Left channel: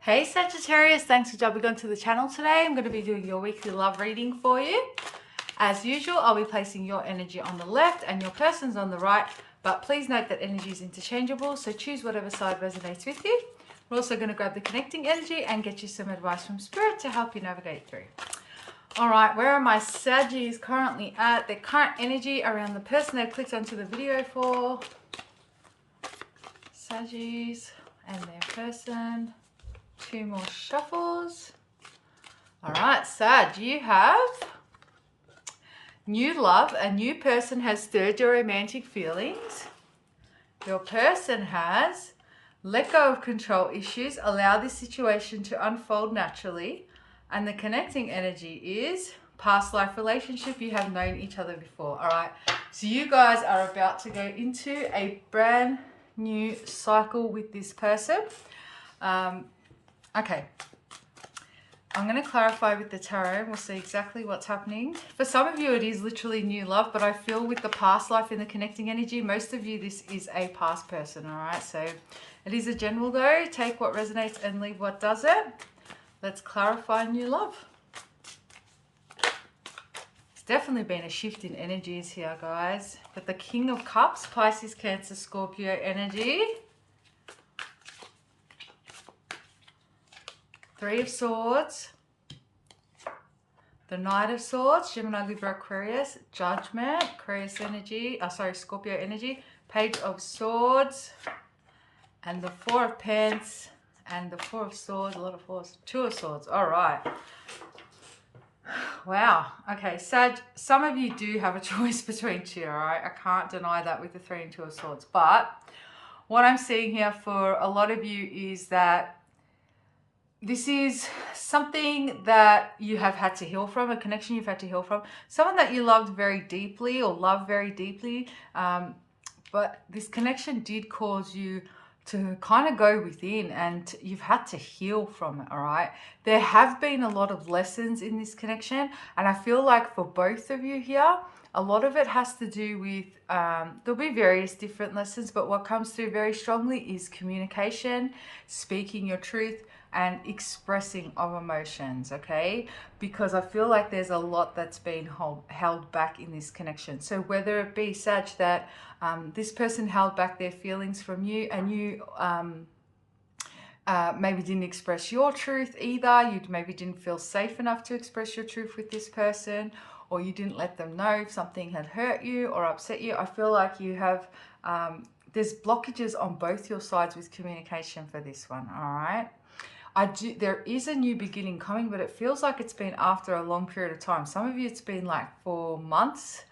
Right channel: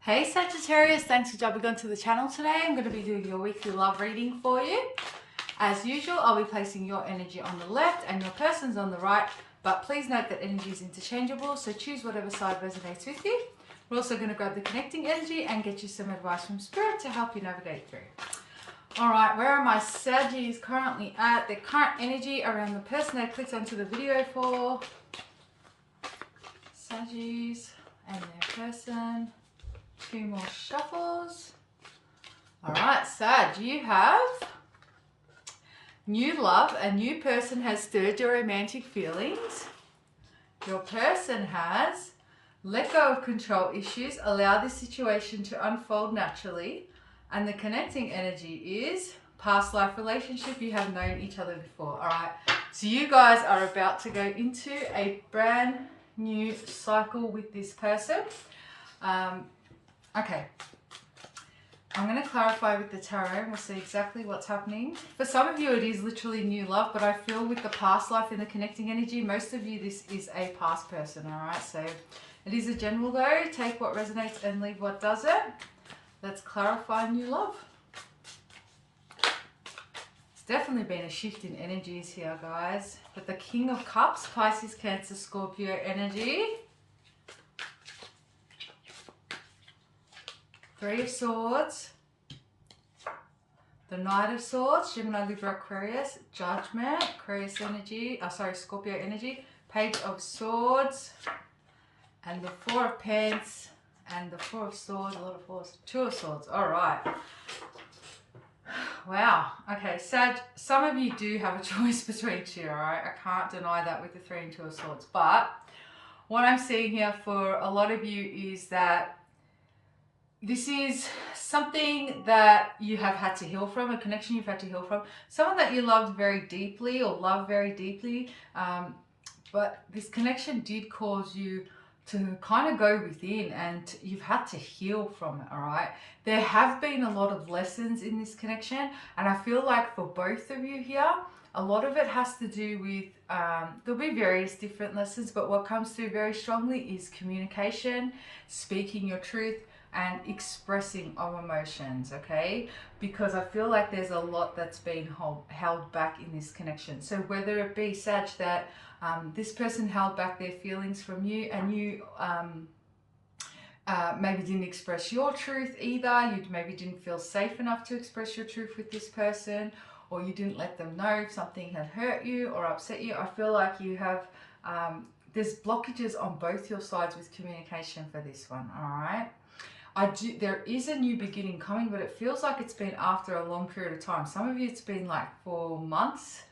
Hey Sagittarius, thanks for jumping onto the channel today. I'm going to be doing your weekly love reading for you. As usual, I'll be placing your energy on the left and your person's on the right, but please note that energy is interchangeable, so choose whatever side resonates with you. We're also going to grab the connecting energy and get you some advice from Spirit to help you navigate through. All right, where are my Saggies currently at? Their current energy around the person they've clicked onto the video for. Saggies and their person. Two more shuffles. All right, Sag, you have new love. A new person has stirred your romantic feelings. Your person has let go of control issues. Allow this situation to unfold naturally. And the connecting energy is past life relationship. You have known each other before. All right, so you guys are about to go into a brand new cycle with this person. Okay, I'm going to clarify with the tarot and we'll see exactly what's happening. For some of you, it is literally new love, but I feel with the past life and the connecting energy, most of you, this is a past person, all right? So it is a general though. Take what resonates and leave what doesn't. Let's clarify new love. It's definitely been a shift in energies here, guys. But the King of Cups, Pisces, Cancer, Scorpio energy. Three of Swords, the Knight of Swords, Gemini, Libra, Aquarius, Judgment, Aquarius energy, Scorpio energy, Page of Swords, and the Four of Pence, and the Four of Swords, a lot of fours, Two of Swords. All right. Wow. Okay, Sag, some of you do have a choice between two, all right? I can't deny that with the Three and Two of Swords. But what I'm seeing here for a lot of you is that this is something that you have had to heal from, a connection you've had to heal from, someone that you loved very deeply or love very deeply, but this connection did cause you to kind of go within and you've had to heal from it, all right? There have been a lot of lessons in this connection, and I feel like for both of you here, a lot of it has to do with, there'll be various different lessons, but what comes through very strongly is communication, speaking your truth, and expressing of emotions, okay? Because I feel like there's a lot that's been held back in this connection. So whether it be such that this person held back their feelings from you and you maybe didn't express your truth either, you maybe didn't feel safe enough to express your truth with this person, or you didn't let them know if something had hurt you or upset you. I feel like you have, there's blockages on both your sides with communication for this one, all right? There is a new beginning coming, but it feels like it's been after a long period of time. Some of you, it's been like 4 months.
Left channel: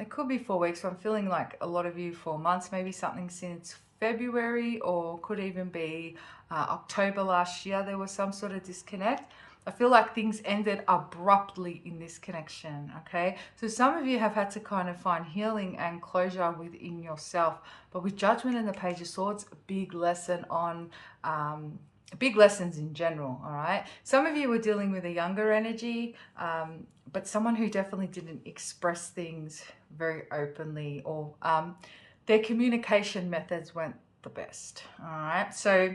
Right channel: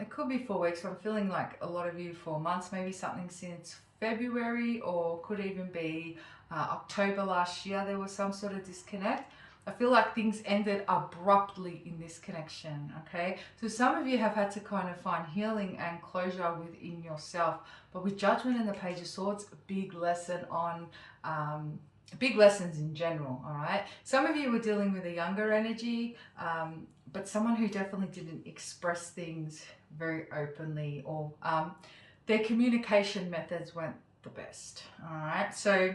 It could be 4 weeks, but I'm feeling like a lot of you 4 months, maybe something since February, or could even be October last year. There was some sort of disconnect. I feel like things ended abruptly in this connection, okay? So some of you have had to kind of find healing and closure within yourself. But with Judgment and the Page of Swords, a big lesson on... big lessons in general, all right? Some of you were dealing with a younger energy, but someone who definitely didn't express things very openly, or their communication methods weren't the best, all right? So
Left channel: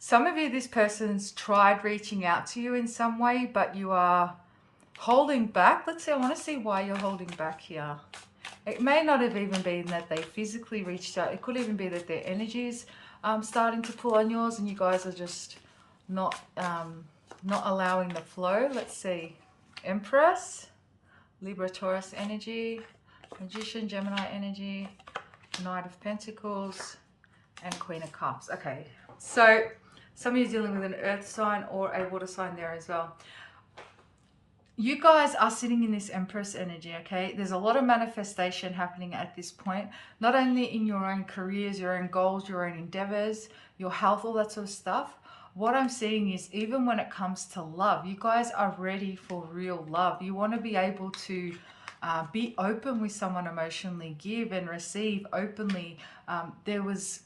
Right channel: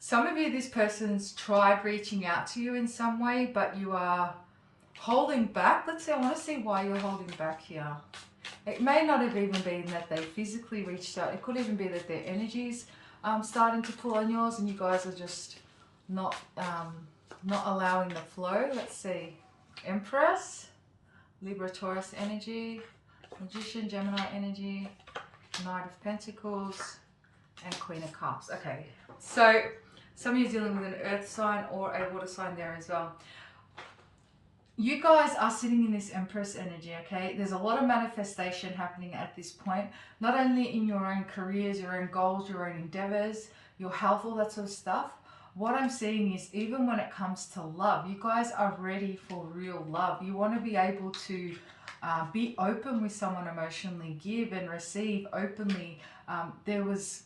some of you, this person's tried reaching out to you in some way, but you are holding back. Let's see, I want to see why you're holding back here. It may not have even been that they physically reached out. It could even be that their energies starting to pull on yours and you guys are just not allowing the flow. Let's see. Empress, Libra, Taurus energy, Magician, Gemini energy, Knight of Pentacles, and Queen of Cups. Okay, so some of you are dealing with an earth sign or a water sign there as well. You guys are sitting in this Empress energy, okay? There's a lot of manifestation happening at this point, not only in your own careers, your own goals, your own endeavors, your health, all that sort of stuff. What I'm seeing is even when it comes to love, you guys are ready for real love. You want to be able to be open with someone emotionally, give and receive openly. There was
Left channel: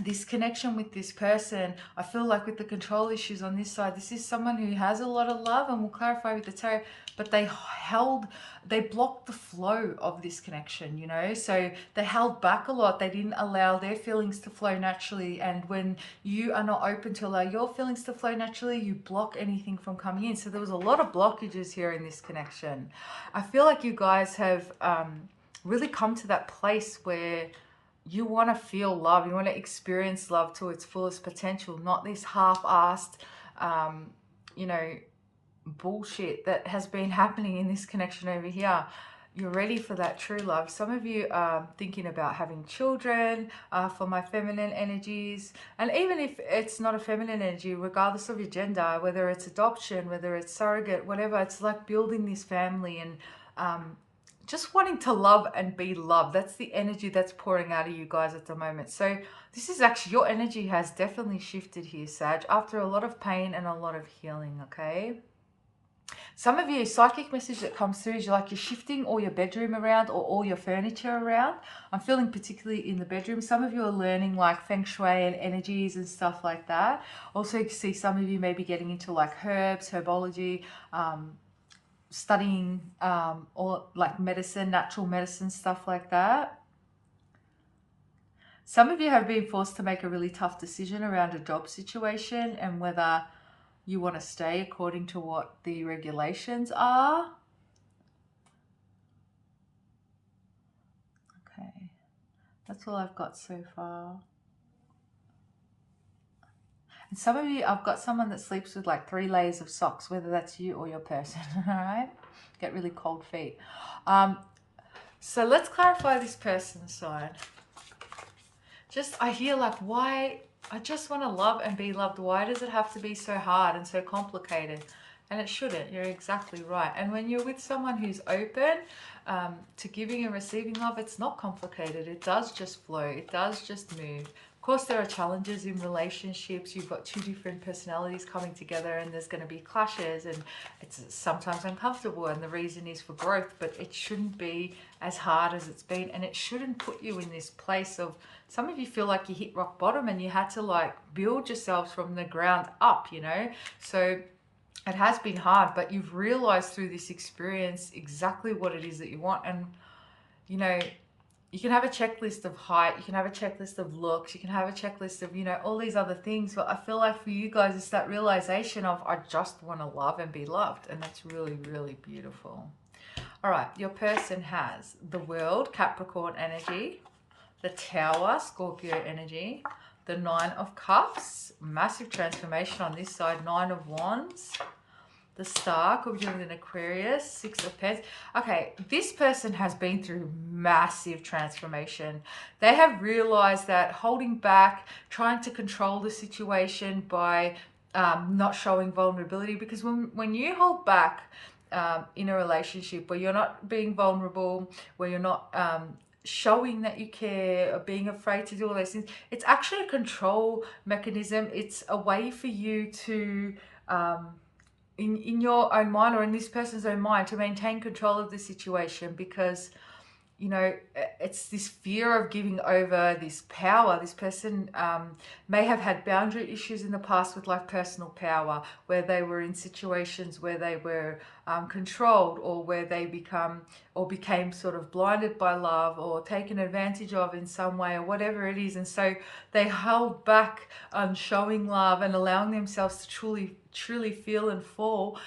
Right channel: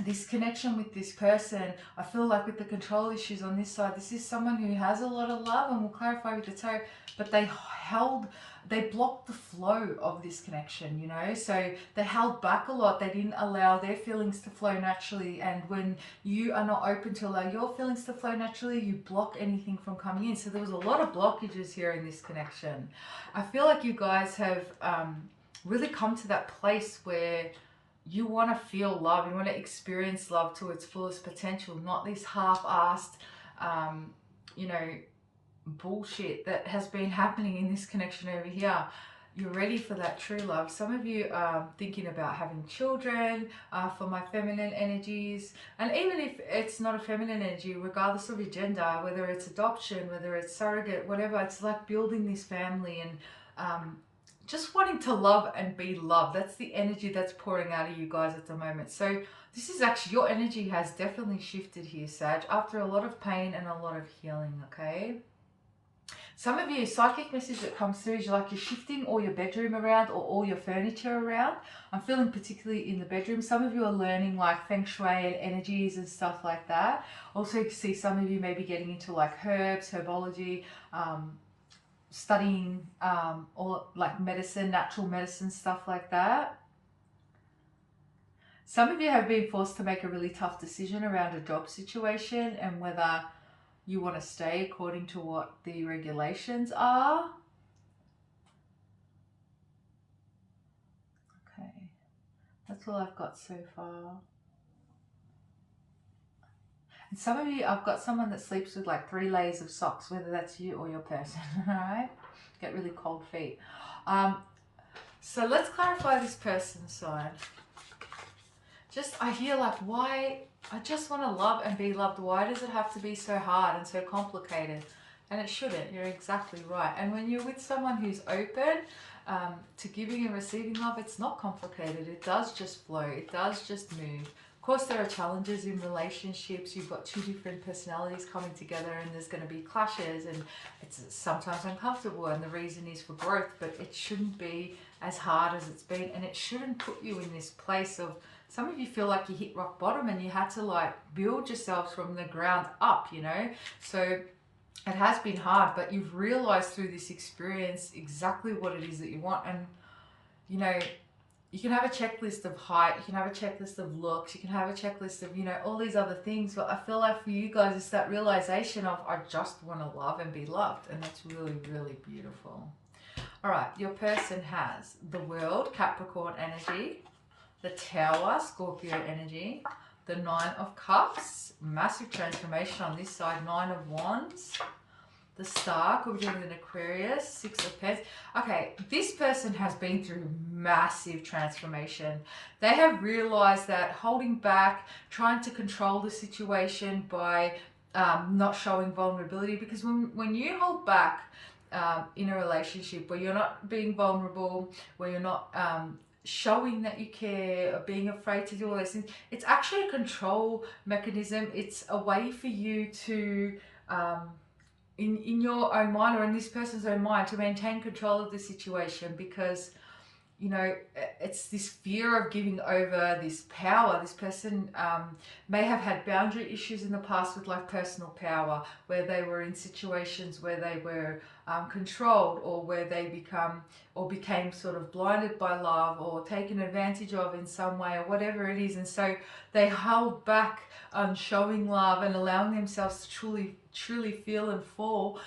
this connection with this person, I feel like with the control issues on this side, this is someone who has a lot of love, and we'll clarify with the tarot, but they blocked the flow of this connection, you know, so they held back a lot. They didn't allow their feelings to flow naturally, and when you are not open to allow your feelings to flow naturally, you block anything from coming in. So there was a lot of blockages here in this connection. I feel like you guys have really come to that place where you want to feel love, you want to experience love to its fullest potential, not this half-assed, you know, bullshit that has been happening in this connection over here. You're ready for that true love. Some of you are thinking about having children, for my feminine energies. And even if it's not a feminine energy, regardless of your gender, whether it's adoption, whether it's surrogate, whatever, it's like building this family and just wanting to love and be loved. That's the energy that's pouring out of you guys at the moment. So this is actually, your energy has definitely shifted here, Sag, after a lot of pain and a lot of healing, okay? Some of you, psychic message that comes through is like you're shifting all your bedroom around or all your furniture around. I'm feeling particularly in the bedroom. Some of you are learning like feng shui and energies and stuff like that. Also, you can see some of you may be getting into like herbs, herbology, studying or like medicine, natural medicine, stuff like that. Some of you have been forced to make a really tough decision around a job situation and whether you want to stay according to what the regulations are. Okay, that's all I've got so far. And some of you, I've got someone that sleeps with like 3 layers of socks, whether that's you or your person, all right? Get really cold feet. So let's clarify this person's sign. I hear like, why? I just want to love and be loved. Why does it have to be so hard and so complicated? And it shouldn't. You're exactly right. And when you're with someone who's open to giving and receiving love, it's not complicated. It does just flow. It does just move. Of course, there are challenges in relationships. You've got 2 different personalities coming together and there's going to be clashes and it's sometimes uncomfortable, and the reason is for growth, but it shouldn't be as hard as it's been, and it shouldn't put you in this place of, some of you feel like you hit rock bottom and you had to like build yourselves from the ground up, you know? So it has been hard, but you've realized through this experience exactly what it is that you want. And, you know, you can have a checklist of height, you can have a checklist of looks, you can have a checklist of, you know, all these other things. But I feel like for you guys, it's that realization of, I just want to love and be loved. And that's really, really beautiful. All right, your person has the World, Capricorn energy, the Tower, Scorpio energy, the 9 of Cups, massive transformation on this side, 9 of Wands, the Star, could be dealing with an Aquarius, 6 of Pence. Okay, this person has been through massive transformation. They have realized that holding back, trying to control the situation by not showing vulnerability, because when you hold back in a relationship where you're not being vulnerable, where you're not showing that you care, or being afraid to do all those things, it's actually a control mechanism. It's a way for you to in your own mind, or in this person's own mind, to maintain control of the situation, because, you know, it's this fear of giving over this power. This person may have had boundary issues in the past with like personal power, where they were in situations where they were controlled, or where they became sort of blinded by love, or taken advantage of in some way, or whatever it is. And so they held back on showing love and allowing themselves to truly feel and fall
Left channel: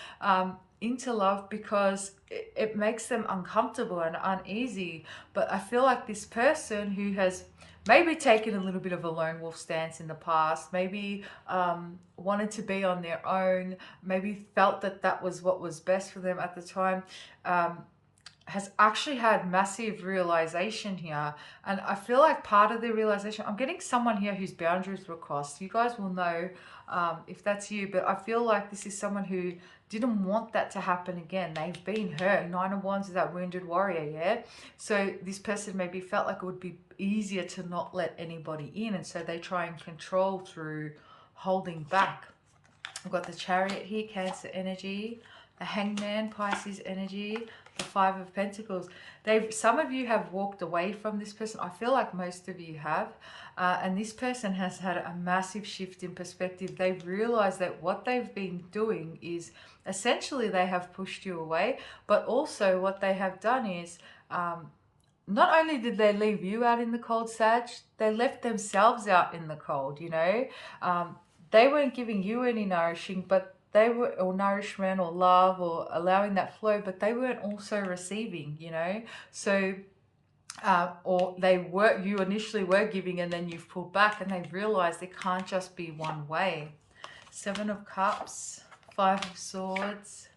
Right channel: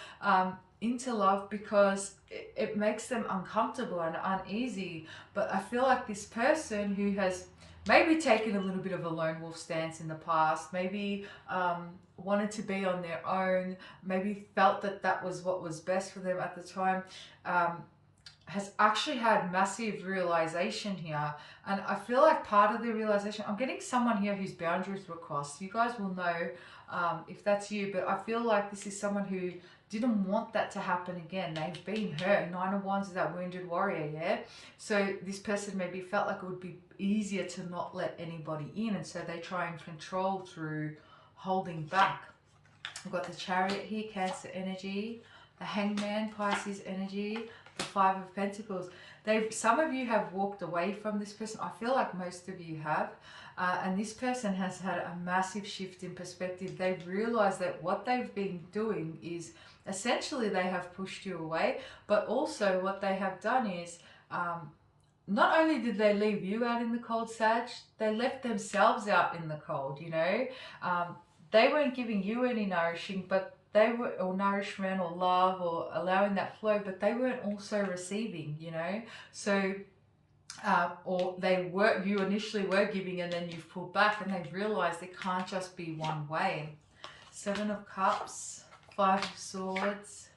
into love, because it makes them uncomfortable and uneasy. But I feel like this person who has maybe taken a little bit of a lone wolf stance in the past, maybe wanted to be on their own, maybe felt that that was what was best for them at the time, has actually had massive realization here. And I feel like part of the realization, I'm getting someone here whose boundaries were crossed. You guys will know if that's you, but I feel like this is someone who didn't want that to happen again. They've been hurt. 9 of Wands is that wounded warrior, yeah? So this person maybe felt like it would be easier to not let anybody in, and so they try and control through holding back. I've got the Chariot here, Cancer energy, the Hangman, Pisces energy, the 5 of Pentacles. Some of you have walked away from this person. I feel like most of you have. And this person has had a massive shift in perspective. They've realized that what they've been doing is essentially they have pushed you away, but also what they have done is not only did they leave you out in the cold, Sag, they left themselves out in the cold, you know. They weren't giving you any nourishing, but they were, or nourishment or love or allowing that flow, but they weren't also receiving, you know. So or you initially were giving and then you've pulled back, and they've realized it can't just be one way. 7 of Cups, 5 of Swords,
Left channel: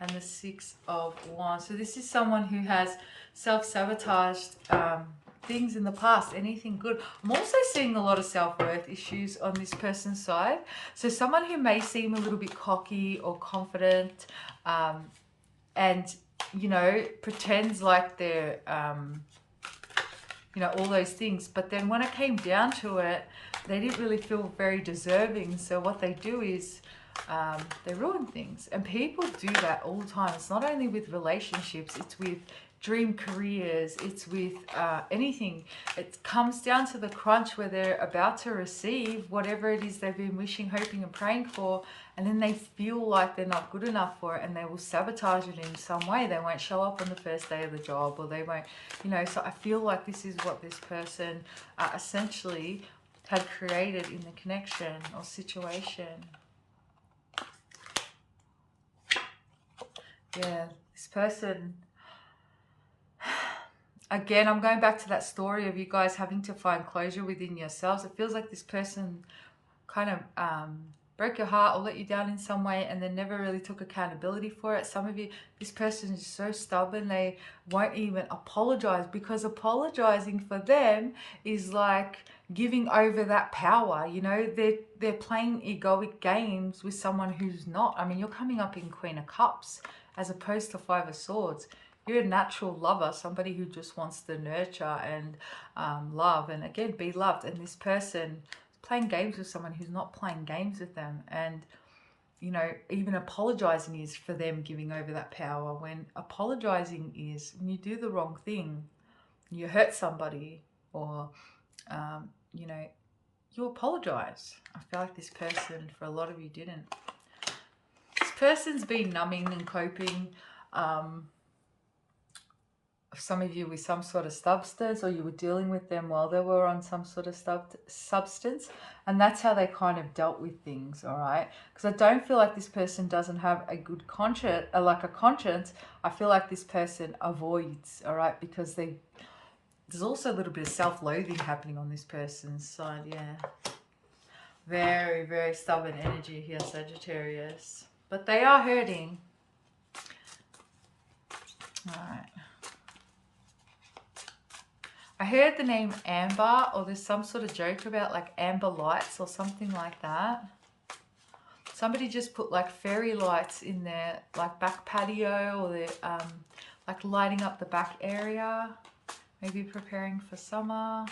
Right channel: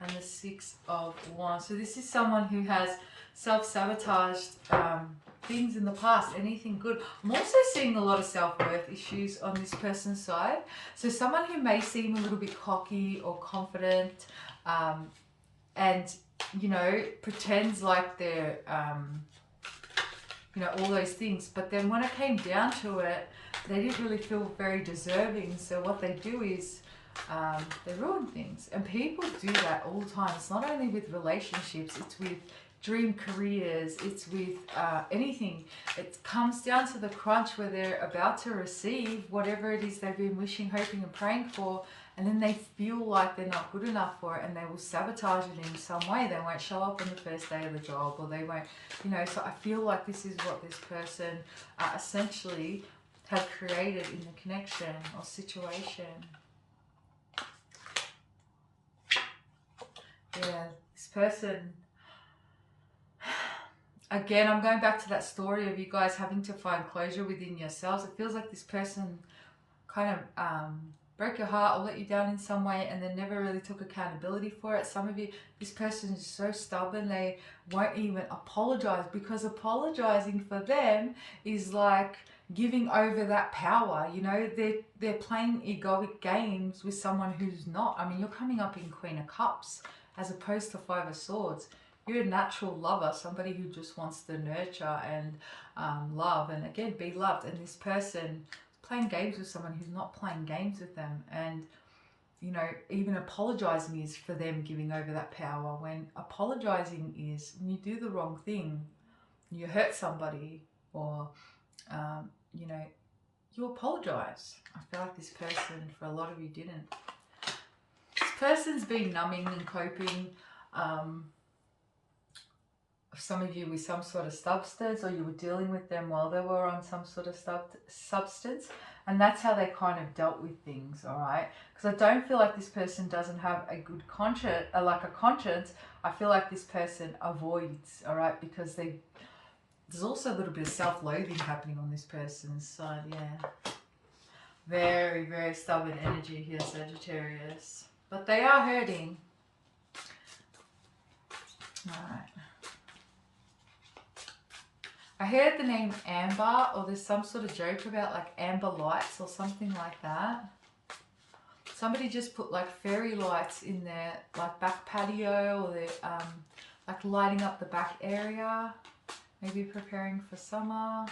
and the 6 of Wands. So this is someone who has self-sabotaged things in the past, anything good. I'm also seeing a lot of self-worth issues on this person's side. So someone who may seem a little bit cocky or confident and, you know, pretends like they're, you know, all those things. But then when it came down to it, they didn't really feel very deserving. So what they do is they ruin things. And people do that all the time. It's not only with relationships, it's with dream careers, it's with anything. It comes down to the crunch where they're about to receive whatever it is they've been wishing, hoping and praying for, and then they feel like they're not good enough for it, and they will sabotage it in some way. They won't show up on the first day of the job, or they won't, you know. So I feel like this is what this person essentially had created in the connection or situation. Yeah, this person, again, I'm going back to that story of you guys having to find closure within yourselves. It feels like this person kind of broke your heart or let you down in some way, and then never really took accountability for it. Some of you, this person is so stubborn, they won't even apologize, because apologizing for them is like giving over that power. You know, they're playing egoic games with someone who's not. I mean, you're coming up in Queen of Cups as opposed to 5 of Swords. You're a natural lover, somebody who just wants to nurture and love, and again, be loved. And this person playing games with someone who's not playing games with them. And, you know, even apologizing is for them giving over that power, when apologizing is when you do the wrong thing, you hurt somebody, or, you know, you apologize. I feel like this person, for a lot of you, didn't. This person's been numbing and coping. Some of you with some sort of substance, or you were dealing with them while they were on some sort of substance, and that's how they kind of dealt with things. All right, because I don't feel like this person doesn't have a good conscience, like a conscience. I feel like this person avoids, all right, because there's also a little bit of self-loathing happening on this person's side. Yeah, very, very stubborn energy here, Sagittarius, but they are hurting. All right, I heard the name Amber, or there's some sort of joke about like amber lights or something like that. Somebody just put like fairy lights in their like back patio, or they're like lighting up the back area, maybe preparing for summer.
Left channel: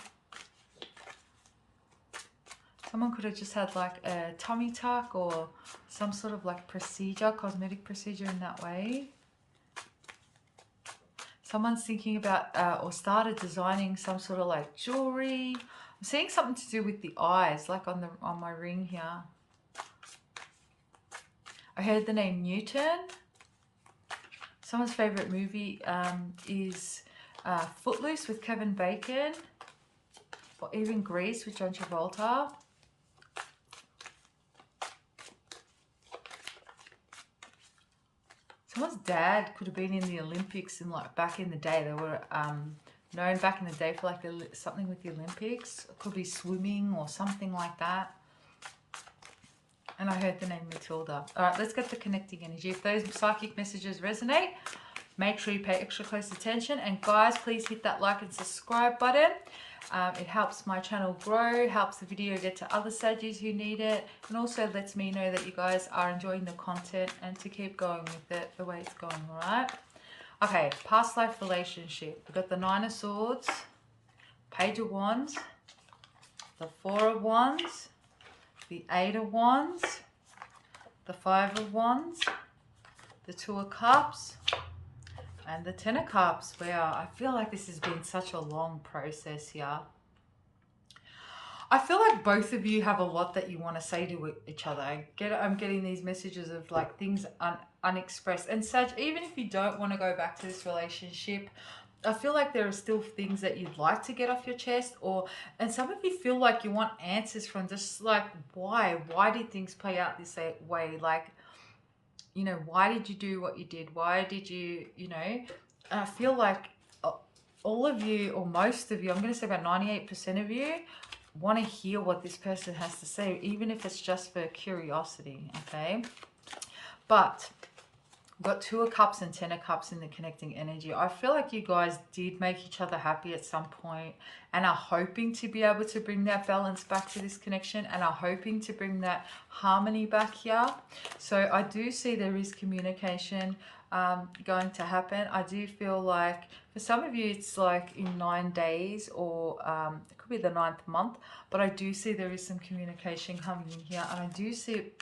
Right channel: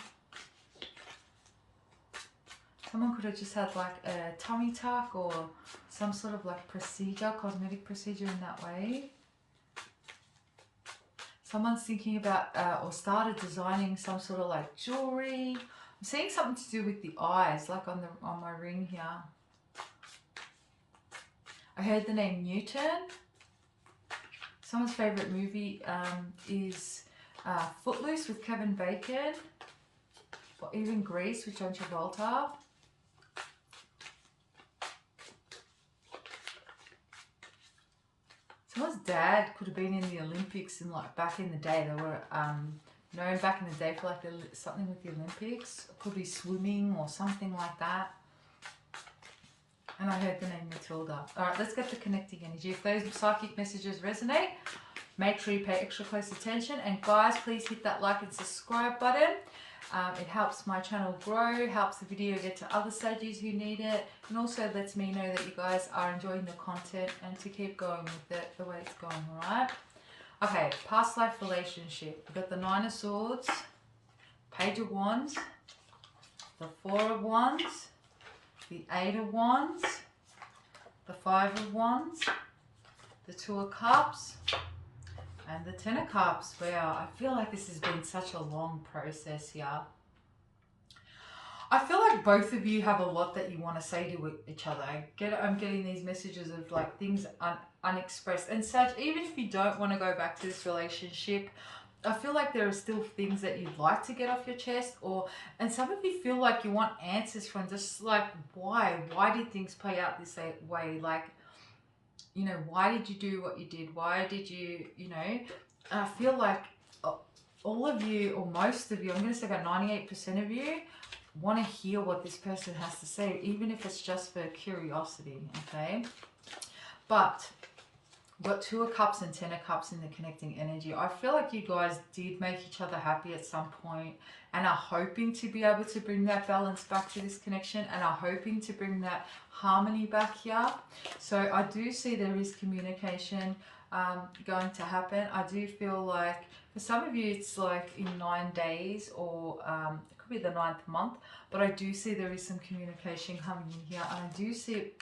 Someone could have just had like a tummy tuck or some sort of like procedure, cosmetic procedure in that way. Someone's thinking about or started designing some sort of like jewelry. I'm seeing something to do with the eyes, like on my ring here. I heard the name Newton. Someone's favorite movie is Footloose with Kevin Bacon, or even Grease with John Travolta. Someone's dad could have been in the Olympics in like back in the day. They were known back in the day for like something with the Olympics. It could be swimming or something like that. And I heard the name Matilda. All right, let's get the connecting energy. If those psychic messages resonate, make sure you pay extra close attention. And guys, please hit that like and subscribe button. It helps my channel grow, helps the video get to other Saggies who need it, and also lets me know that you guys are enjoying the content and to keep going with it the way it's going, all right? Okay, past life relationship. We've got the 9 of Swords, Page of Wands, the 4 of Wands, the 8 of Wands, the 5 of Wands, the 2 of Cups, And the Ten of Cups. Wow, I feel like this has been such a long process here. I feel like both of you have a lot that you want to say to each other. I'm getting these messages of like things unexpressed. And Sag, even if you don't want to go back to this relationship, I feel like there are still things that you'd like to get off your chest, and some of you feel like you want answers from just like, why did things play out this way? Like, you know, why did you do what you did? Why did you, you know, I feel like all of you, or most of you, I'm going to say about 98% of you, want to hear what this person has to say, even if it's just for curiosity, okay? But got Two of Cups and Ten of Cups in the connecting energy. I feel like you guys did make each other happy at some point and are hoping to be able to bring that balance back to this connection and are hoping to bring that harmony back here. So I do see there is communication going to happen. I do feel like for some of you it's like in 9 days, or it could be the 9th month, but I do see there is some communication coming in here, and I do see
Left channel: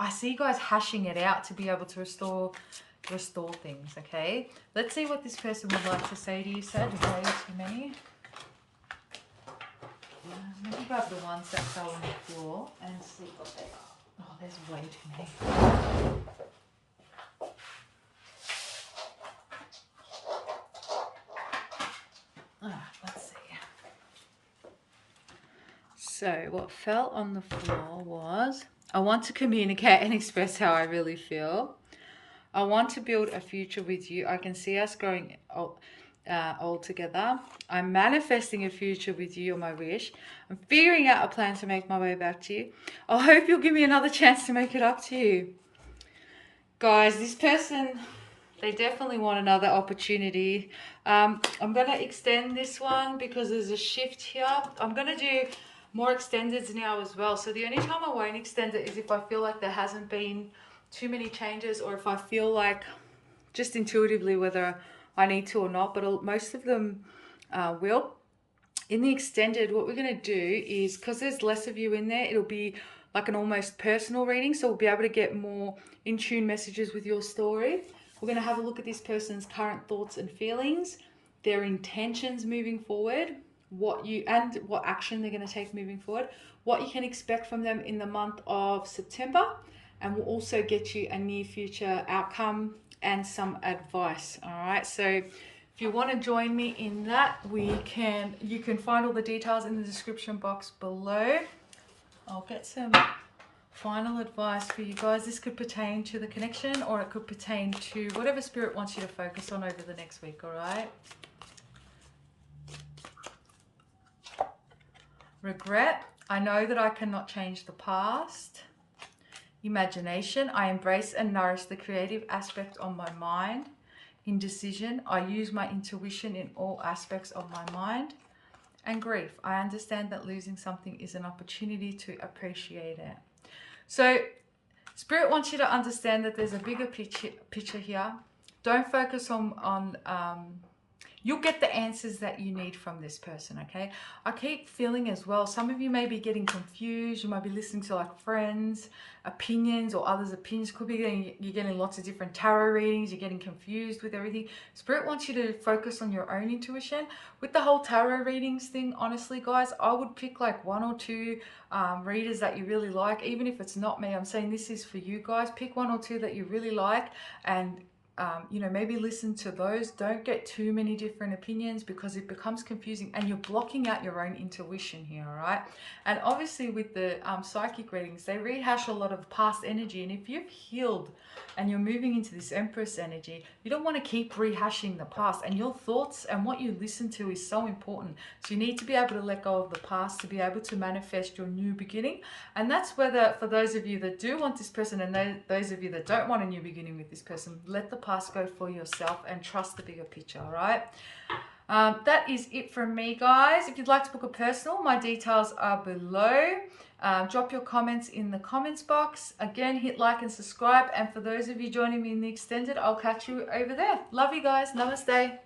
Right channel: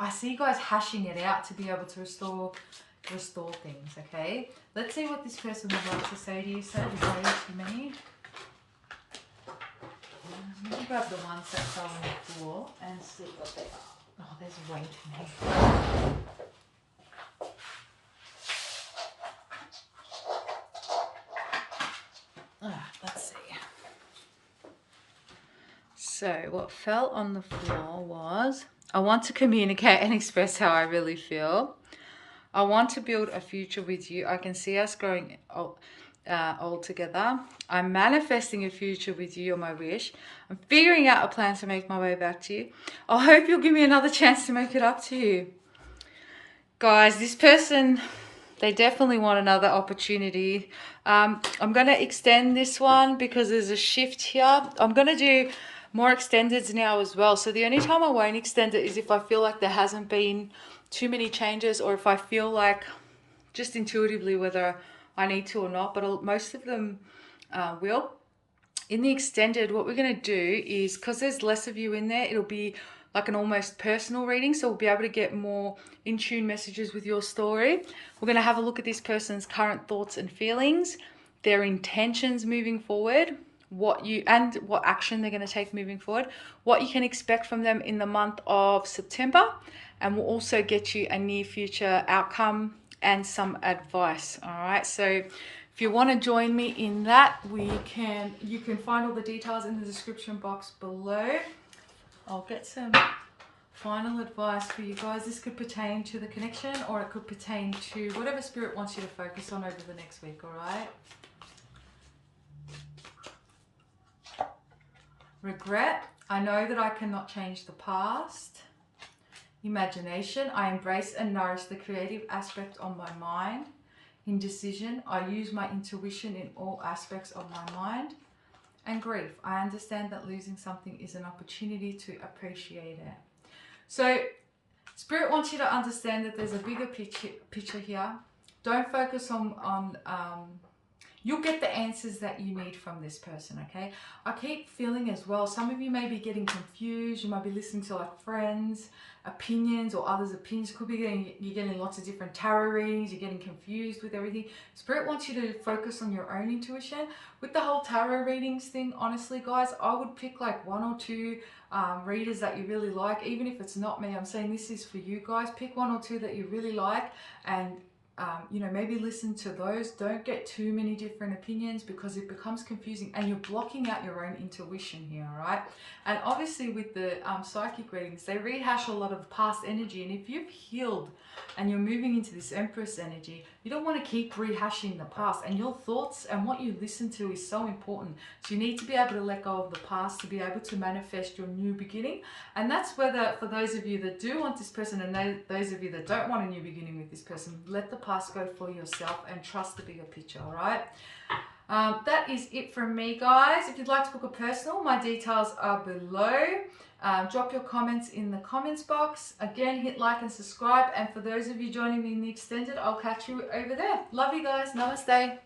I see you guys hashing it out to be able to restore things, okay? Let's see what this person would like to say to you, Sag. Way too many. Let me grab the ones that fell on the floor and see what they are. Oh, there's way too many. Let's see. So what fell on the floor was, I want to communicate and express how I really feel. I want to build a future with you. I can see us growing old together. I'm manifesting a future with you, or my wish. I'm figuring out a plan to make my way back to you. I hope you'll give me another chance to make it up to you. Guys, this person, they definitely want another opportunity. I'm going to extend this one because there's a shift here. I'm going to do more extendeds now as well. So the only time I won't extend it is if I feel like there hasn't been too many changes, or if I feel like just intuitively whether I need to or not, but most of them will. In the extended, what we're going to do is, because there's less of you in there, it'll be like an almost personal reading, so we'll be able to get more in tune messages with your story. We're going to have a look at this person's current thoughts and feelings, their intentions moving forward, what action they're going to take moving forward, what you can expect from them in the month of September, and we'll also get you a near future outcome and some advice. All right, so if you want to join me in that, you can find all the details in the description box below. I'll get some final advice for you guys. This could pertain to the connection, or it could pertain to whatever spirit wants you to focus on over the next week. All right. Regret. I know that I cannot change the past. Imagination. I embrace and nourish the creative aspect of my mind. Indecision. I use my intuition in all aspects of my mind. And grief. I understand that losing something is an opportunity to appreciate it. So Spirit wants you to understand that there's a bigger picture here. Don't focus on you'll get the answers that you need from this person, okay? I keep feeling as well, some of you may be getting confused. You might be listening to like friends' opinions or others' opinions. Could be you're getting lots of different tarot readings. You're getting confused with everything. Spirit wants you to focus on your own intuition. With the whole tarot readings thing, honestly, guys, I would pick like 1 or 2 readers that you really like. Even if it's not me, I'm saying this is for you guys. Pick 1 or 2 that you really like, and you know, maybe listen to those. Don't get too many different opinions because it becomes confusing and you're blocking out your own intuition here, all right? And obviously with the psychic readings, they rehash a lot of past energy, and if you've healed and you're moving into this Empress energy, you don't want to keep rehashing the past, and your thoughts and what you listen to is so important. So you need to be able to let go of the past to be able to manifest your new beginning. And that's whether for those of you that do want this person and those of you that don't want a new beginning with this person, let the past go for yourself and trust the bigger picture, all right? That is it from me, guys. If you'd like to book a personal, my details are below. Drop your comments in the comments box. Again, hit like and subscribe. And for those of you joining me in the extended, I'll catch you over there. Love you guys. Namaste.